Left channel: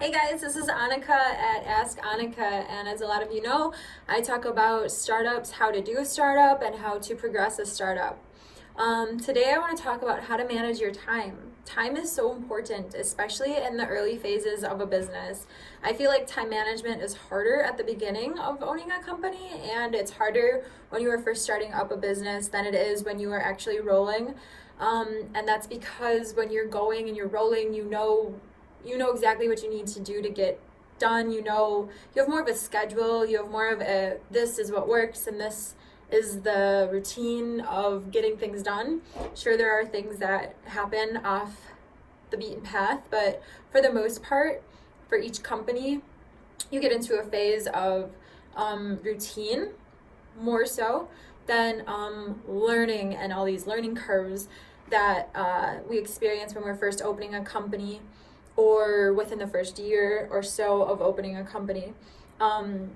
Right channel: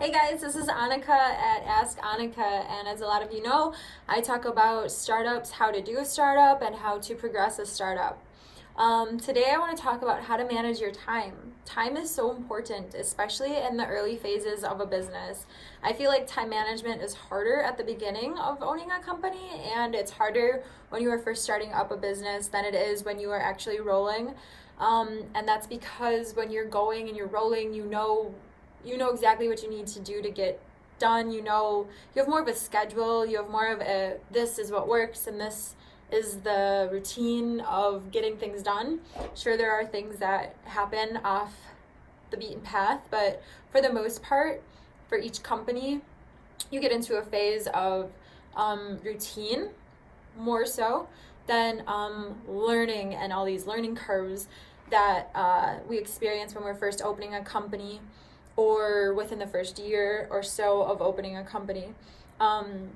Hey guys, this is Annika at Ask Annika, and as a lot of you know, I talk about startups, how to do a startup, and how to progress a startup. Today I want to talk about how to manage your time. Time is so important, especially in the early phases of a business. I feel like time management is harder at the beginning of owning a company, and it's harder when you are first starting up a business than it is when you are actually rolling. And that's because when you're going and you're rolling, you know exactly what you need to do to get done. You have more of a schedule, you have more of a this is what works and this is the routine of getting things done. Sure, there are things that happen off the beaten path, but for the most part, for each company, you get into a phase of routine more so than learning and all these learning curves that we experience when we're first opening a company or within the first year or so of opening a company. And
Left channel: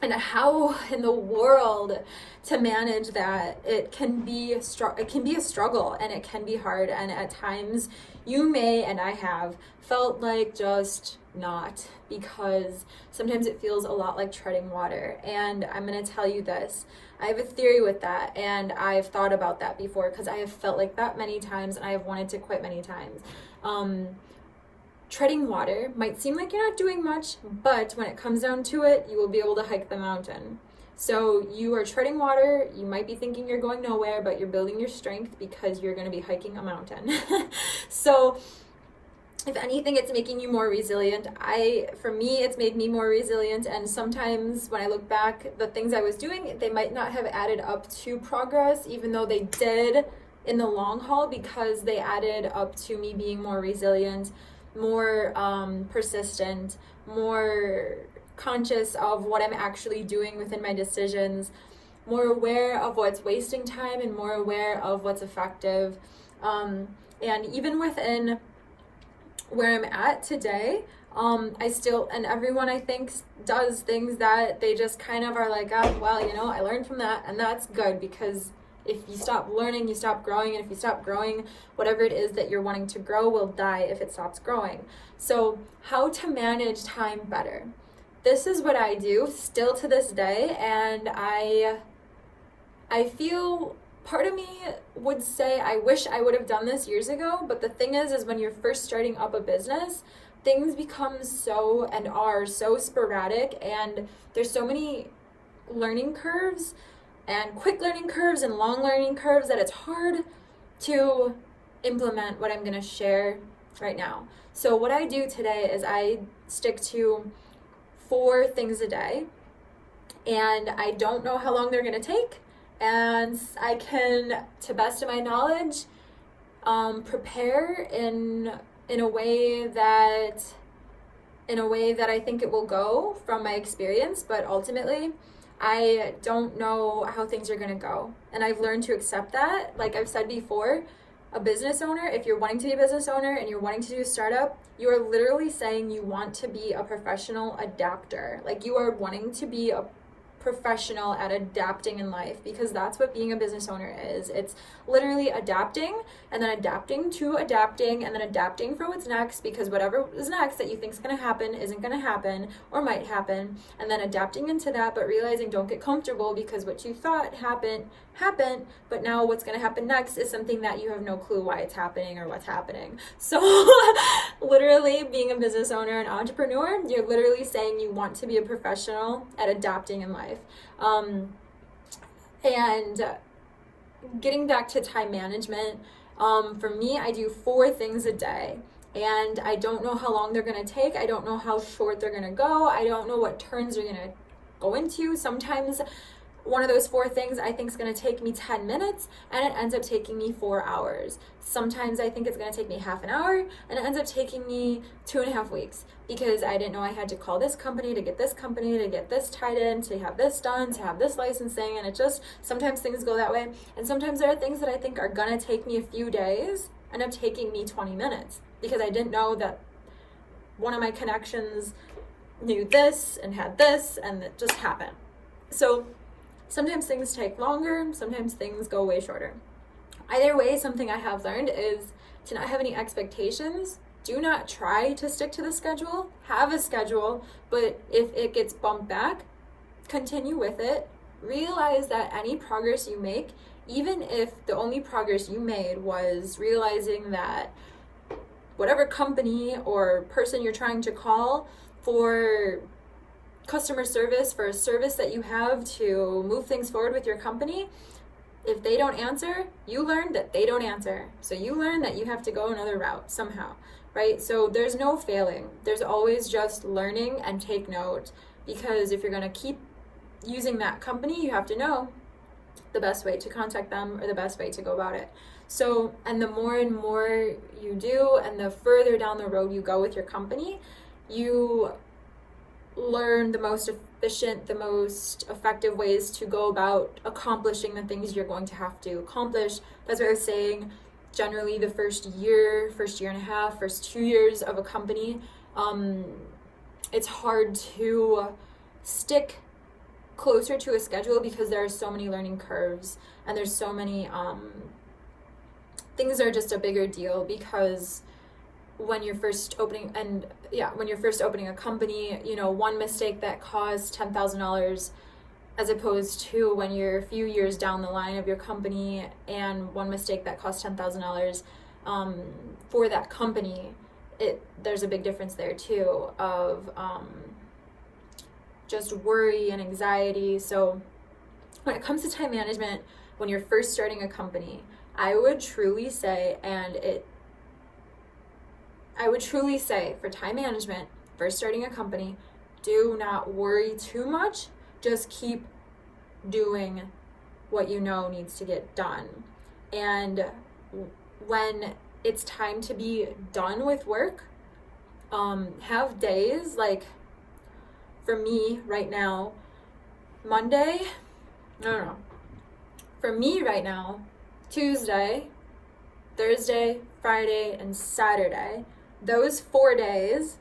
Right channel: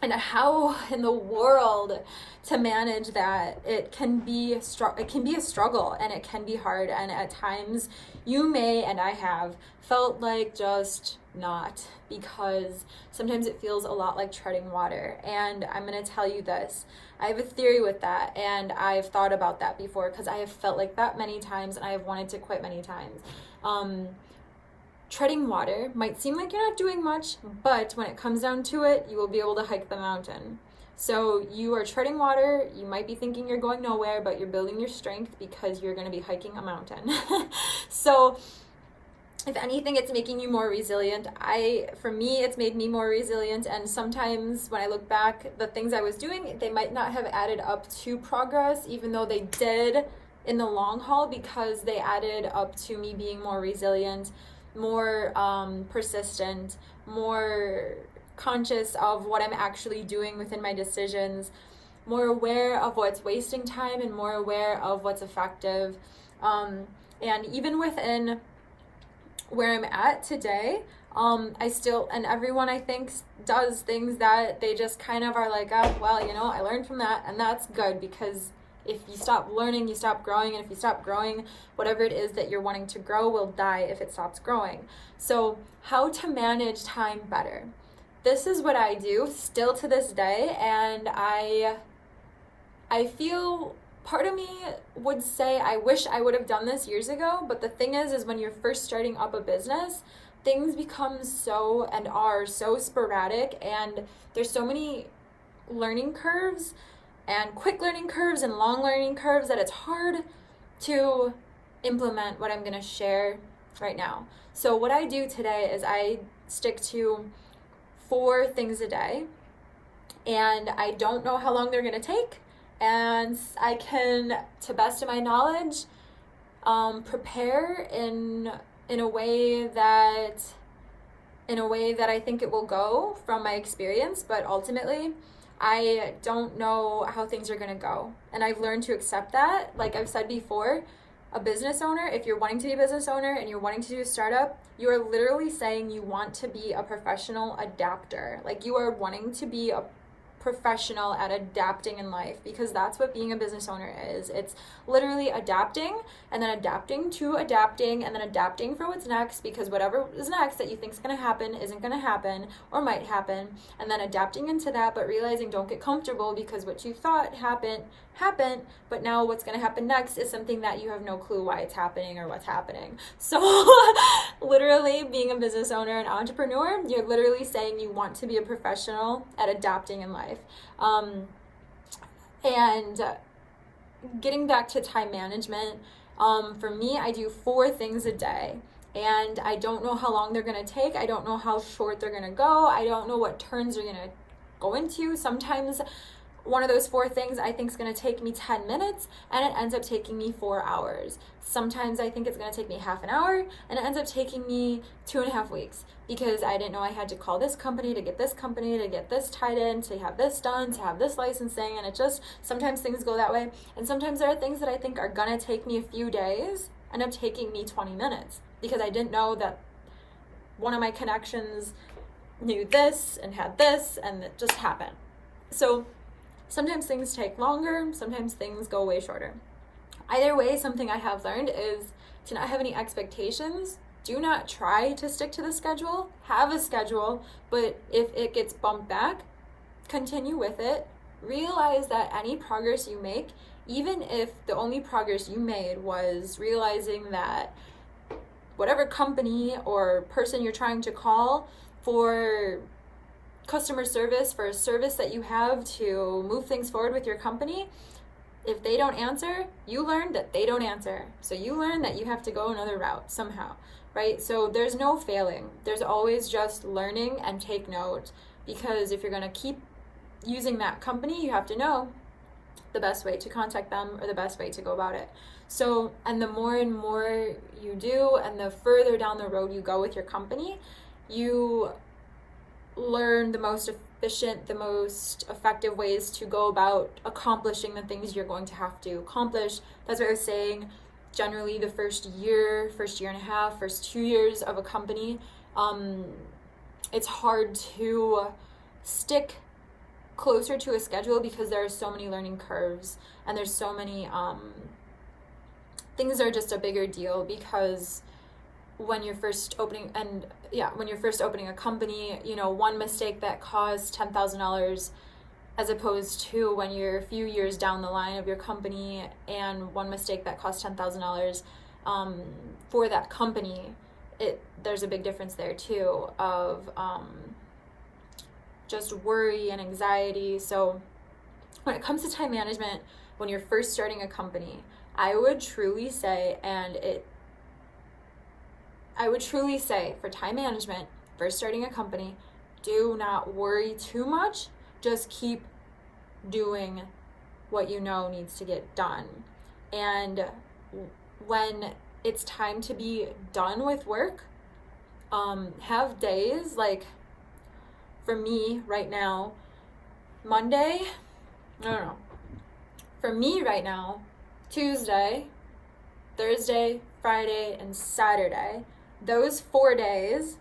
how in the world to manage that, it can be a struggle, and it can be hard, and at times you may, and I have, felt like just not, because sometimes it feels a lot like treading water. And I'm going to tell you this, I have a theory with that, and I've thought about that before because I have felt like that many times, and I have wanted to quit many times. Treading water might seem like you're not doing much, but when it comes down to it, you will be able to hike the mountain. So you are treading water, you might be thinking you're going nowhere, but you're building your strength because you're going to be hiking a mountain. So if anything, it's making you more resilient. For me, it's made me more resilient, and sometimes when I look back, the things I was doing, they might not have added up to progress, even though they did in the long haul, because they added up to me being more resilient, more persistent, more conscious of what I'm actually doing within my decisions, more aware of what's wasting time and more aware of what's effective. And even within where I'm at today, I still, and everyone I think does things that they just kind of are like, oh, well, I learned from that, and that's good, because if you stop learning, you stop growing, and if you stop growing, whatever it is that you're wanting to grow will die if it stops growing. So how to manage time better. This is what I do still to this day, and I feel, part of me would say I wish I would have done this years ago, but the thing is when you're first starting up a business, things become so and are so sporadic, and there's so many learning curves and quick learning curves and long learning curves that it's hard to implement what I'm going to share right now. So what I do today is I stick to 4 things a day, and I don't know how long they're going to take, and I can, to best of my knowledge, prepare in a way that I think it will go from my experience, but ultimately I don't know how things are going to go. And I've learned to accept that. Like I've said before, a business owner, if you're wanting to be a business owner and you're wanting to do a startup, you are literally saying you want to be a professional adapter. Like you are wanting to be a professional at adapting in life, because that's what being a business owner is. It's literally adapting, and then adapting to adapting, and then adapting for what's next, because whatever is next that you think is going to happen isn't going to happen or might happen, and then adapting into that, but realizing don't get comfortable, because what you thought happened, but now what's going to happen next is something that you have no clue why it's happening or what's happening. So literally being a business owner and entrepreneur, you're literally saying you want to be a professional at adapting in life. And getting back to time management, for me, I do 4 things a day, and I don't know how long they're going to take. I don't know how short they're going to go. I don't know what turns they're going to go into. Sometimes one of those 4 things I think is going to take me 10 minutes, and it ends up taking me 4 hours. Sometimes I think it's going to take me half an hour, and it ends up taking me 2.5 weeks, because I didn't know I had to call this company to get this tied in, to have this done, to have this licensing, and it just, sometimes things go that way. And sometimes there are things that I think are going to take me a few days, end up taking me 20 minutes, because I didn't know that one of my connections knew this and had this, and it just happened. So sometimes things take longer, sometimes things go way shorter. Either way, something I have learned is to not have any expectations do not try to stick to the schedule. Have a schedule, but if it gets bumped back, continue with it. Realize that any progress you make, even if the only progress you made was realizing that whatever company or person you're trying to call for customer service, for a service that you have to move things forward with your company, if they don't answer, you learn that they don't answer. So you learn that you have to go another route somehow, right? So there's no failing. There's always just learning and take note, because if you're going to keep using that company, you have to know the best way to contact them or the best way to go about it. So, and the more and more you do, and the further down the road you go with your company, you learn the most efficient, the most effective ways to go about accomplishing the things you're going to have to accomplish. That's what I was saying. Generally, the first year and a half, first 2 years of a company, it's hard to stick closer to a schedule because there are so many learning curves, and there's so many things are just a bigger deal, because when you're first opening a company, one mistake that caused $10,000 as opposed to when you're a few years down the line of your company, and one mistake that cost $10,000 for that company, there's a big difference there too of just worry and anxiety. So when it comes to time management, when you're first starting a company, I would truly say for time management, first starting a company, do not worry too much. Just keep doing what you know needs to get done. And when it's time to be done with work, have days like, for me right now, Tuesday, Thursday, Friday, and Saturday, those 4 days,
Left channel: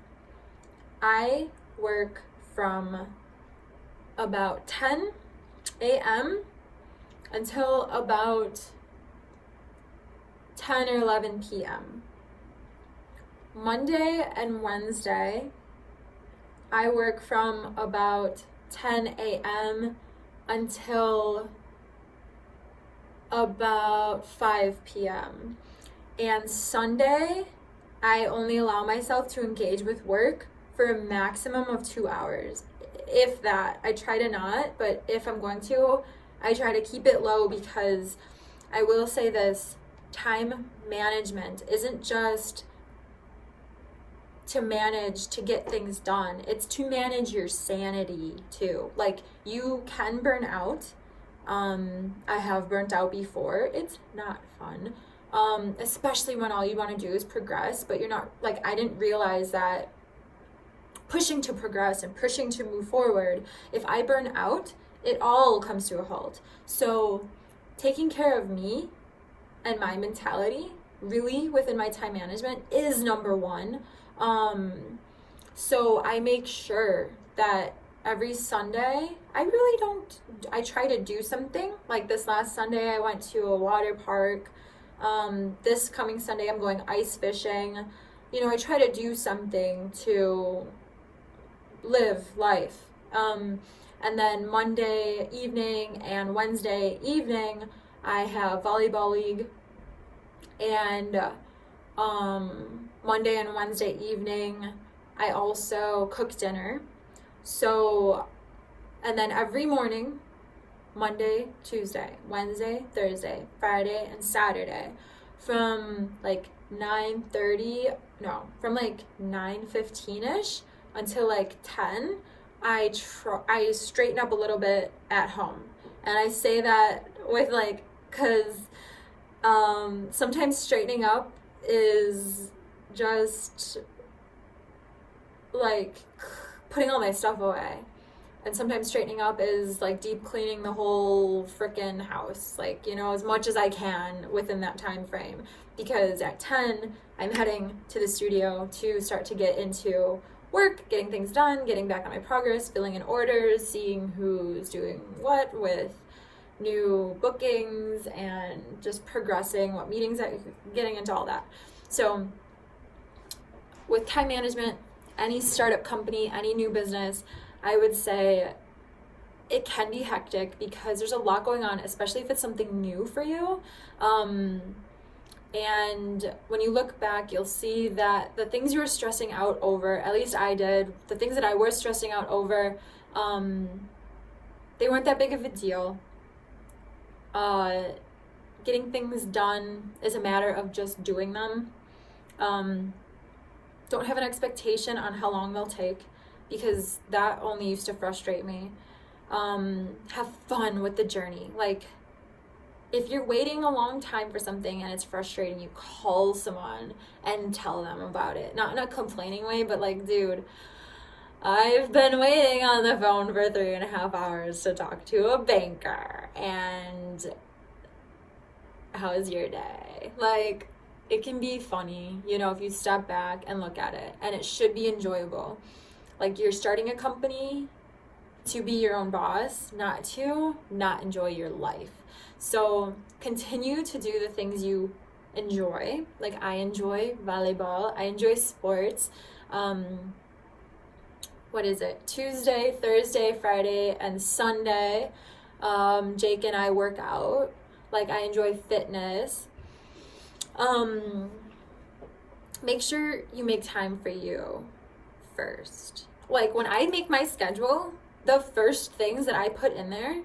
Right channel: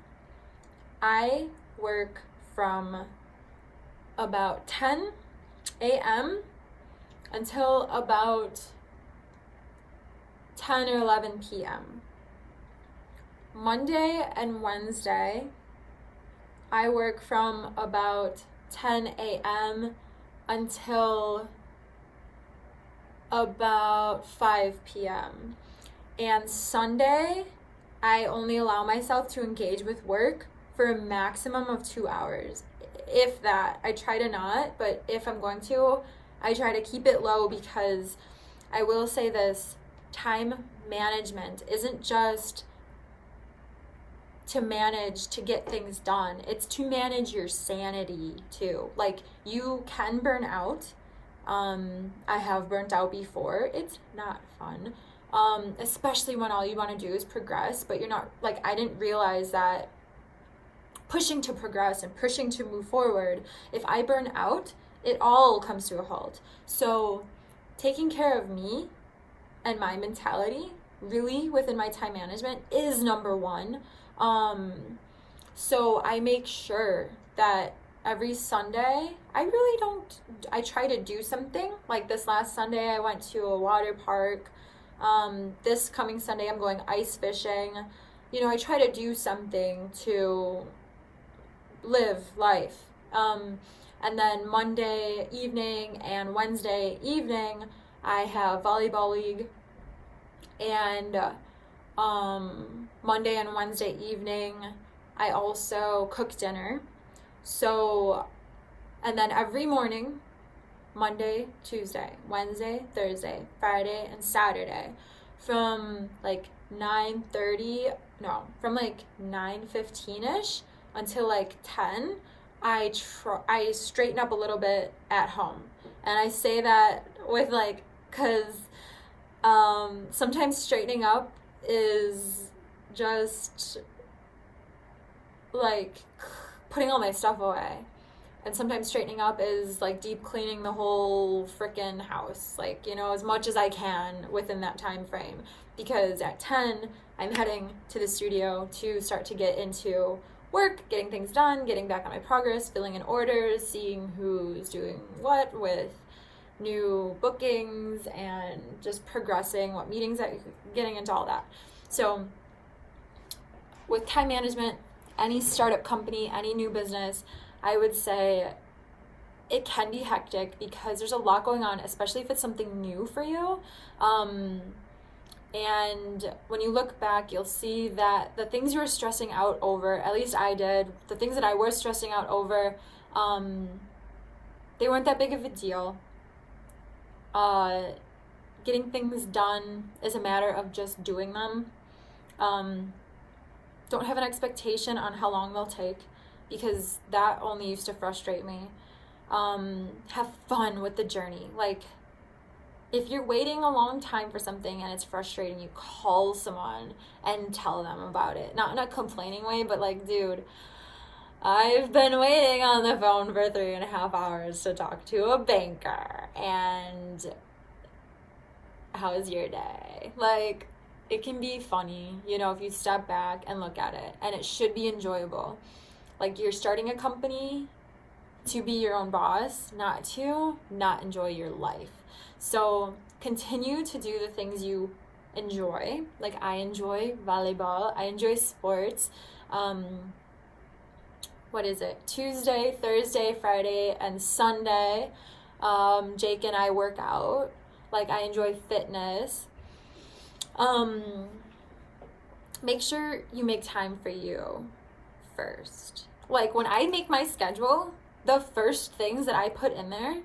I work from about 10 a.m. until about 10 or 11 p.m. Monday and Wednesday, I work from about 10 a.m. until about 5 p.m. And Sunday, I only allow myself to engage with work for a maximum of 2 hours. If that, I try to not, but if I'm going to, I try to keep it low, because I will say this, time management isn't just to manage to get things done. It's to manage your sanity too. Like, you can burn out. I have burnt out before. It's not fun. Especially when all you want to do is progress, but you're not, like, I didn't realize that pushing to progress and pushing to move forward, if I burn out, it all comes to a halt. So taking care of me and my mentality really within my time management is number one. So I make sure that every Sunday, I try to do something. Like this last Sunday, I went to a water park. This coming Sunday, I'm going ice fishing. I try to do something to live life. And then Monday evening and Wednesday evening, I have volleyball league. And Monday and Wednesday evening, I also cook dinner. So, and then every morning, Monday, Tuesday, Wednesday, Thursday, Friday, and Saturday, from like 9:15ish until like 10, I straighten up a little bit at home. And I say that with like, because sometimes straightening up is just like putting all my stuff away. And sometimes straightening up is like deep cleaning the whole freaking house, like, as much as I can within that time frame. Because at 10, I'm heading to the studio to start to get into work, getting things done, getting back on my progress, filling in orders, seeing who's doing what with new bookings, and just progressing what meetings, getting into all that. So with time management, any startup company, any new business, I would say it can be hectic because there's a lot going on, especially if it's something new for you. And when you look back, you'll see that the things you were stressing out over, at least I did, the things that I was stressing out over, they weren't that big of a deal. Getting things done is a matter of just doing them. Don't have an expectation on how long they'll take, because that only used to frustrate me. Have fun with the journey. Like, if you're waiting a long time for something and it's frustrating, you call someone and tell them about it. Not in a complaining way, but like, dude, I've been waiting on the phone for 3.5 hours to talk to a banker, and how is your day? Like, it can be funny, you know, if you step back and look at it, and it should be enjoyable. Like, you're starting a company to be your own boss, not to not enjoy your life. So continue to do the things you enjoy. Like, I enjoy volleyball, I enjoy sports. What is it? Tuesday, Thursday, Friday, and Sunday, Jake and I work out. Like, I enjoy fitness. Make sure you make time for you first. Like, when I make my schedule, the first things that I put in there,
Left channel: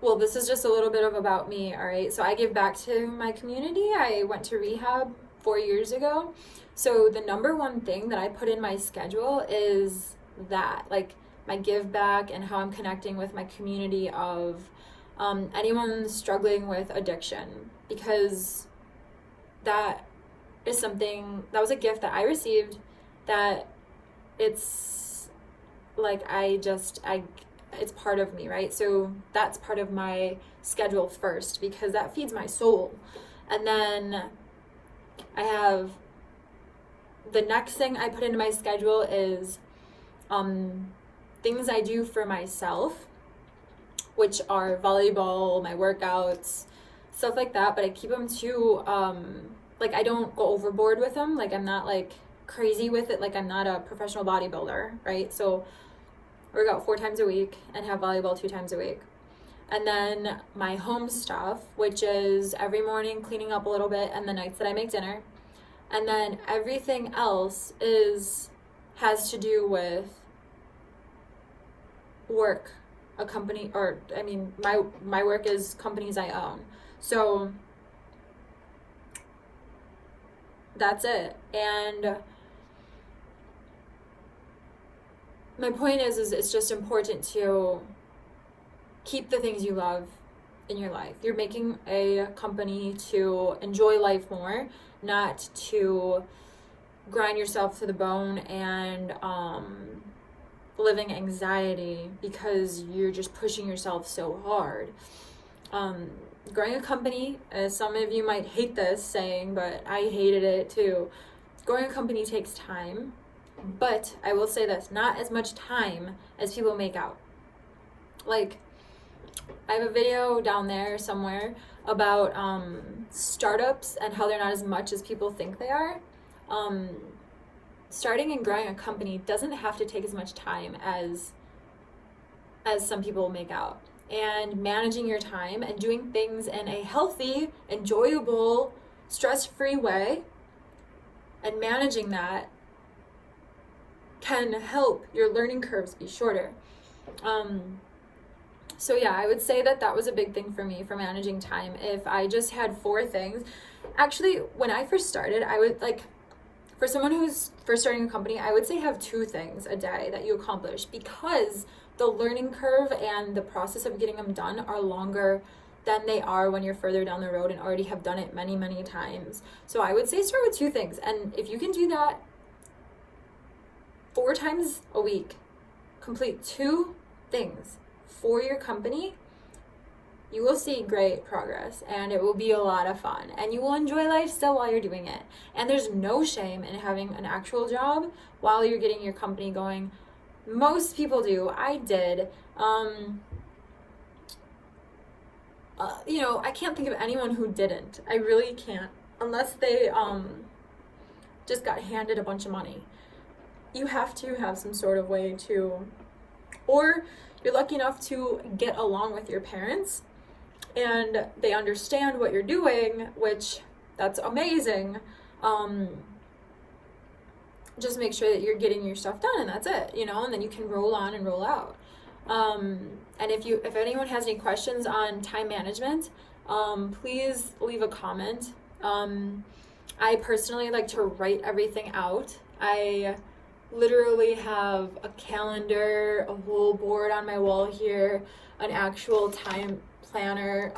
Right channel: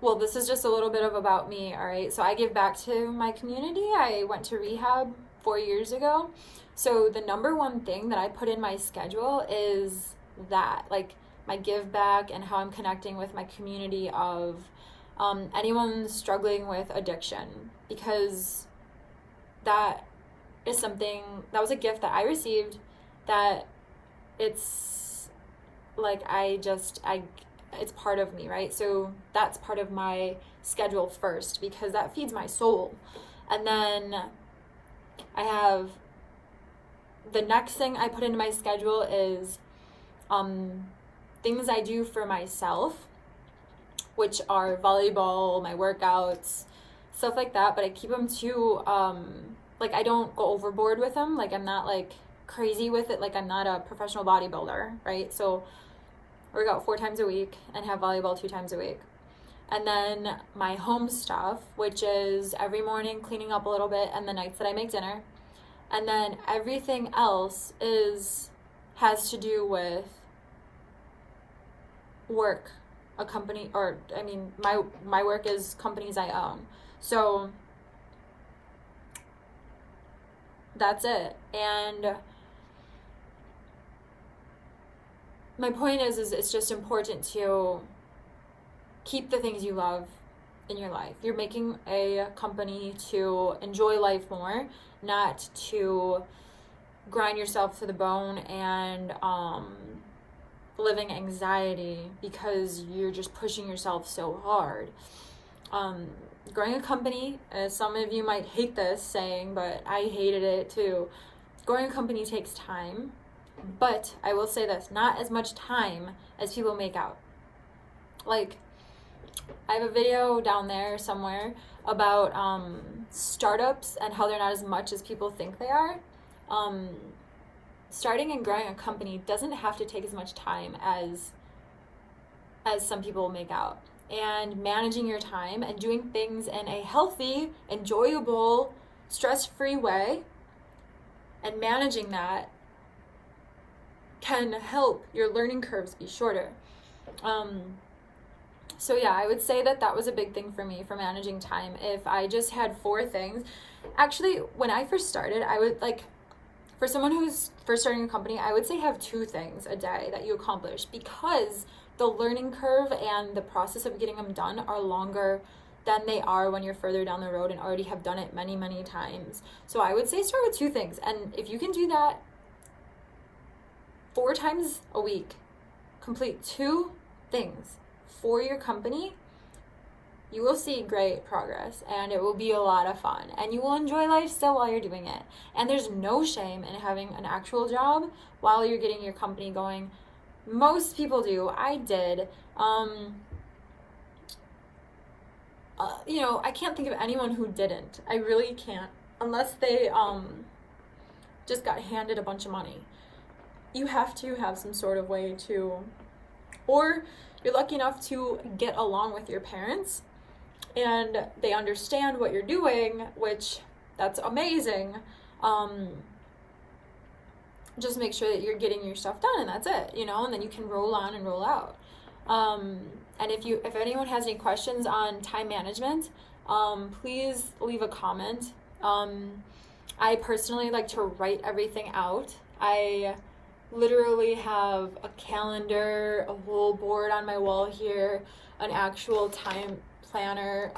well, this is just a little bit of about me, all right? So I give back to my community. I went to rehab 4 years ago. So the number one thing that I put in my schedule is that, like, my give back and how I'm connecting with my community of anyone struggling with addiction, because that is something, that was a gift that I received, that it's like, it's part of me, right? So that's part of my schedule first, because that feeds my soul. And then I have, the next thing I put into my schedule is things I do for myself, which are volleyball, my workouts, stuff like that. But I keep them to, like, I don't go overboard with them. Like, I'm not like crazy with it. Like, I'm not a professional bodybuilder, right? So work out 4 times a week and have volleyball 2 times a week. And then my home stuff, which is every morning cleaning up a little bit, and the nights that I make dinner. And then everything else has to do with work, a company, or I mean, my work is companies I own. So that's it. And my point is it's just important to keep the things you love in your life. You're making a company to enjoy life more, not to grind yourself to the bone and living anxiety because you're just pushing yourself so hard. Growing a company, some of you might hate this saying, but I hated it too. Growing a company takes time, but I will say this, not as much time as people make out. Like, I have a video down there somewhere about startups and how they're not as much as people think they are. Starting and growing a company doesn't have to take as much time as some people make out. And managing your time and doing things in a healthy, enjoyable, stress-free way, and managing that can help your learning curves be shorter. So yeah, I would say that was a big thing for me for managing time. If I just had 4 things, actually, when I first started, I would, like, for someone who's first starting a company, I would say have 2 things a day that you accomplish, because the learning curve and the process of getting them done are longer than they are when you're further down the road and already have done it many, many times. So I would say start with 2 things. And if you can do that 4 times a week, complete 2 things for your company, you will see great progress, and it will be a lot of fun, and you will enjoy life still while you're doing it. And there's no shame in having an actual job while you're getting your company going. Most people do. I did. You know, I can't think of anyone who didn't. I really can't, unless they just got handed a bunch of money. You have to have some sort of way to, or you're lucky enough to get along with your parents and they understand what you're doing, which that's amazing. Just make sure that you're getting your stuff done, and that's it, you know, and then you can roll on and roll out. And if anyone has any questions on time management, please leave a comment. I personally like to write everything out. I literally have a calendar, a whole board on my wall here, an actual time planner,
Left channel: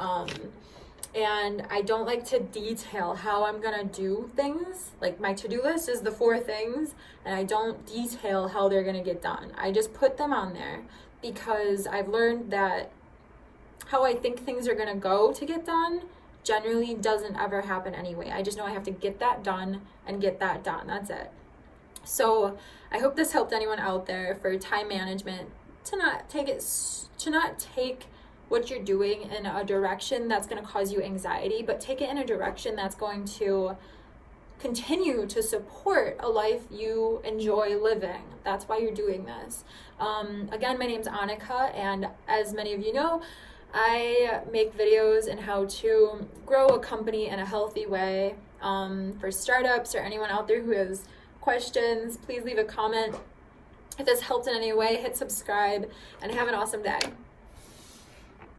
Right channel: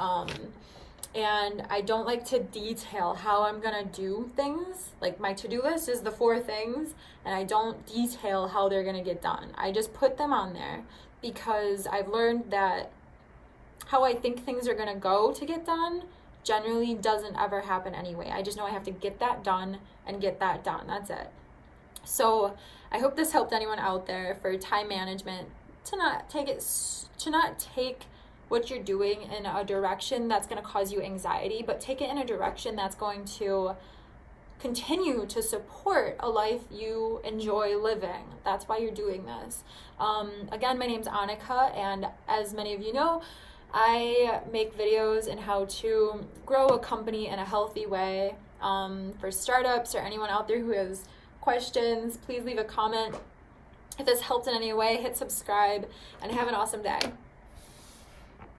and I don't like to detail how I'm gonna do things. Like, my to-do list is the 4 things, and I don't detail how they're gonna get done. I just put them on there because I've learned that how I think things are gonna go to get done generally doesn't ever happen anyway. I just know I have to get that done and get that done. That's it. So I hope this helped anyone out there for time management, to not take what you're doing in a direction that's going to cause you anxiety, but take it in a direction that's going to continue to support a life you enjoy living. That's why you're doing this. Again, my name's Annika, and as many of you know, I make videos in how to grow a company in a healthy way. For startups or anyone out there who has questions, please leave a comment. If this helped in any way, hit subscribe, and have an awesome day.